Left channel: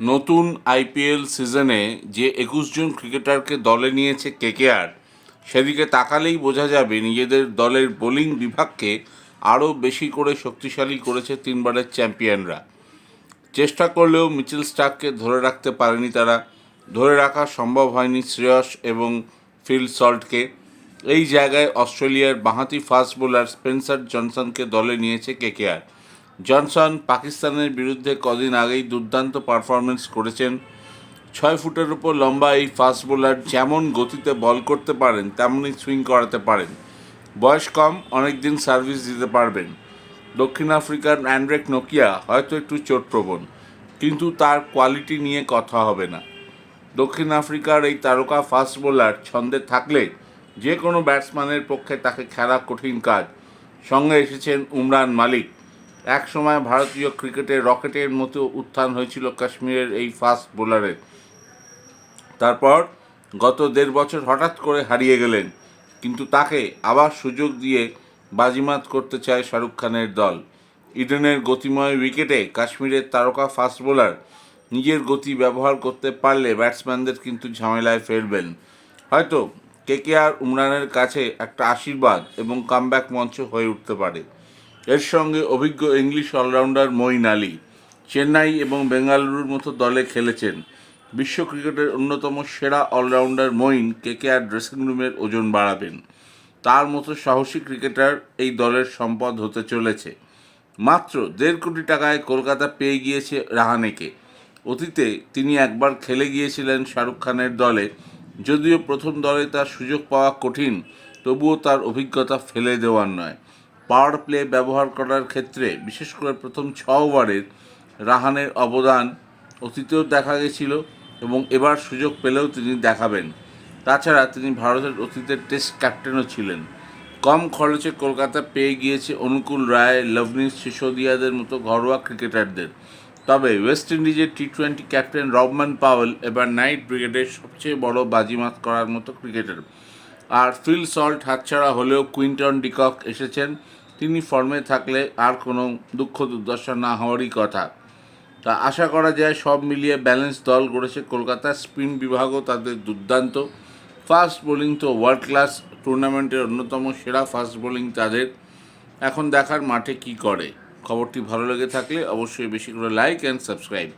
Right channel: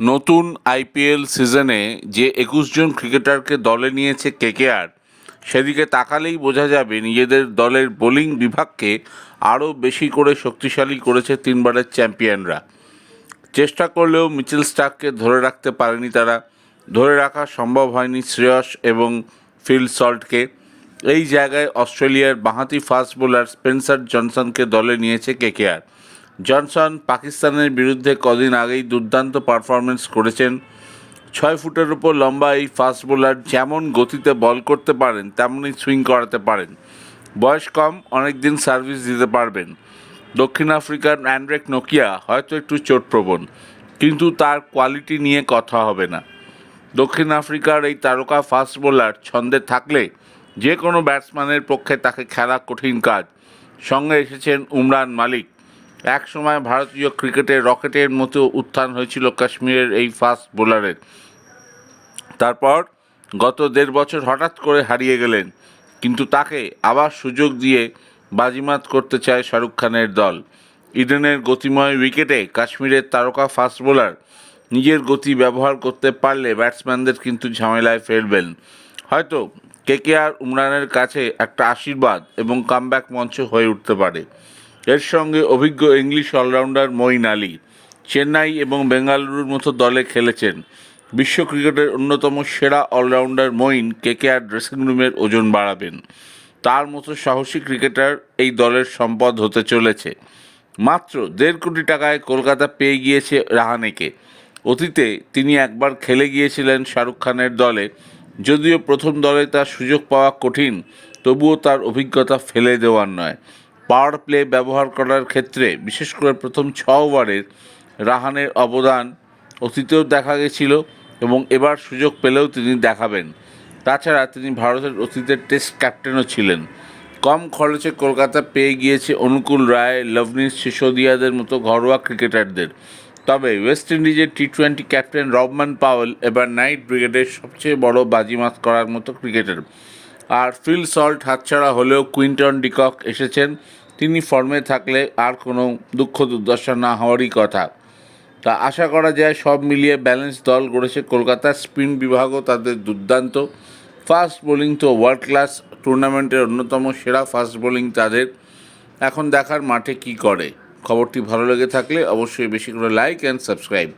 নতুন আইপিএল সিজনে যে ২১ জন ক্রিকেটারকে দলে নিয়েছে কেকেআর, সেদিকে তাকালেই বোঝা যাবে নিজেদের দলের বোলিং বিভাগকে আরও বেশি করে শক্তিশালী করেছে তিনবারের চ্যাম্পিয়নরা। চেষ্টা করলেও মিচেল স্টার্ককে ধরে রাখতে পারেনি তারা। ধরে রাখা সম্ভব হয়নি শ্রেয়স এবং ফিল সল্টকে। এই জায়গায় অস্ট্রেলিয়ার বাঁহাতি ফাস্ট বোলার স্পেন্সার জনসনকে দলে নিয়েছে কেকেআর। জনসন পাকিস্তানের বিরুদ্ধে কদিন আগেই দুর্দান্ত পারফরমেন্স করেছেন। ৬ ফুটের উপর লম্বা এই ফাস্ট বোলার যেমন গতিতে বল করতে পারেন, তেমনই সুইং করাতে পারেন। বয়স কম, অনেক দিন সার্ভিস দিতে পারবেন। দক্ষিণ আফ্রিকার অ্যান্ড্রেক নোকিয়া হয়তো একটু চোটপ্রবণ, কিন্তু তার কোয়ালিটি নিয়ে কথা হবে না। দক্ষিণ আফ্রিকার এই তারকা ফাস্ট বোলার ছন্দে থাকলে যে কোনো ব্যাটসম্যানের পক্ষে তাকে খেলা কঠিন কাজ। সঙ্গে এসেছেন উমরান মালিক। এক সময় ভারতীয় ক্রিকেটের রকেটের মতো উত্থান হয়েছিল কাশ্মীরের এই ফাস্ট বোলারের। তারপর গত ১.৫ বছর হঠাৎ করে হারিয়ে গেলেন, কিন্তু তাকে আবার সুযোগ দিয়ে বাজিমাত করতে চায় শাহরুখ খানের দল। ইডেনের গতিময় উইকেটে কাশ্মীরের তারকা ফাস্ট বোলার নিজের গতি ব্যবহার করতে পারলে ব্যাটসম্যানদের কিন্তু ঝামেলায় ফেলবেন। হয়তো কেকেআর উমরানের কাছে একটা আশীর্বাদ এবং কামব্যাক মঞ্চ হয়ে উঠতে পারে। এর সঙ্গে অভিজ্ঞ ইংলিশ অলরাউন্ডার মঈন আলী চেন্নাই এবং বেঙ্গালুরুর মতো দলে খেলেছেন। বিশ্ব ক্রিকেটের অন্যতম সেরা অলরাউন্ডার মঈন কেকেআর ড্রেসিং রুমের ওজন বাড়াবেন। তার মতো সাহসী ক্রিকেটার এই দলের সম্পদ হতে চলেছে। মাত্র ১.৫ কোটি টাকায় কলকাতা পেয়ে গিয়েছে রাহানেকে। অতীতে তিনি একবার খেলে গিয়েছিলেন শাহরুখ খানের দলে। যদিও প্রথম দলে তার সুযোগ পাওয়া কঠিন, তবুও তার অভিজ্ঞতা ফেলে দেওয়ার নয়। পাওয়ার প্লে ব্যবহার করার ক্ষেত্রে বিশেষ করে প্রথম ৬ ওভারের রাহানের অবদান অতীতেও দেখা গেছিল এবং এবার সুযোগ পেলেও তিনি দেখাবেন। তাছাড়া তিনি ভারতের অতীতের টেস্ট ক্যাপ্টেনও ছিলেন। কম খরচে কলকাতা পেয়ে গিয়েছে অনুকূল রায়, লভনিস সিসোদিয়াদের মতো ঘরোয়া ক্রিকেটারদের। তবে ওয়েস্ট ইন্ডিজের টি-20 ক্যাপ্টেন রবমান পাওয়েল এবার নাইট ব্রিগেডের সবচেয়ে বড় বাজিমাত করার মতো ক্রিকেটার। আর ফিল সল্ট হাতছাড়া হলেও কুইন্টন ডিকক এসেছেন। তিনি ফর্মে থাকলে আর কোনো দুঃখ দুর্দশা না হওয়ারই কথা। তা আশা করা যায় সব মিলিয়ে ব্যালেন্স দল গড়েছে কলকাতা। স্পিন বিভাগও তাদের দুর্দান্ত। ফাস্ট বোলিং তো ওয়ার্ল্ড ক্লাস। টুর্নামেন্টের অন্যতম সেরা ফাস্ট বোলিং তাদের। এখন দেখার মাঠে কি করে। খবরটি ভালো লেগে থাকলে অবশ্যই বেশি করে লাইক অ্যান্ড সাবস্ক্রাইব।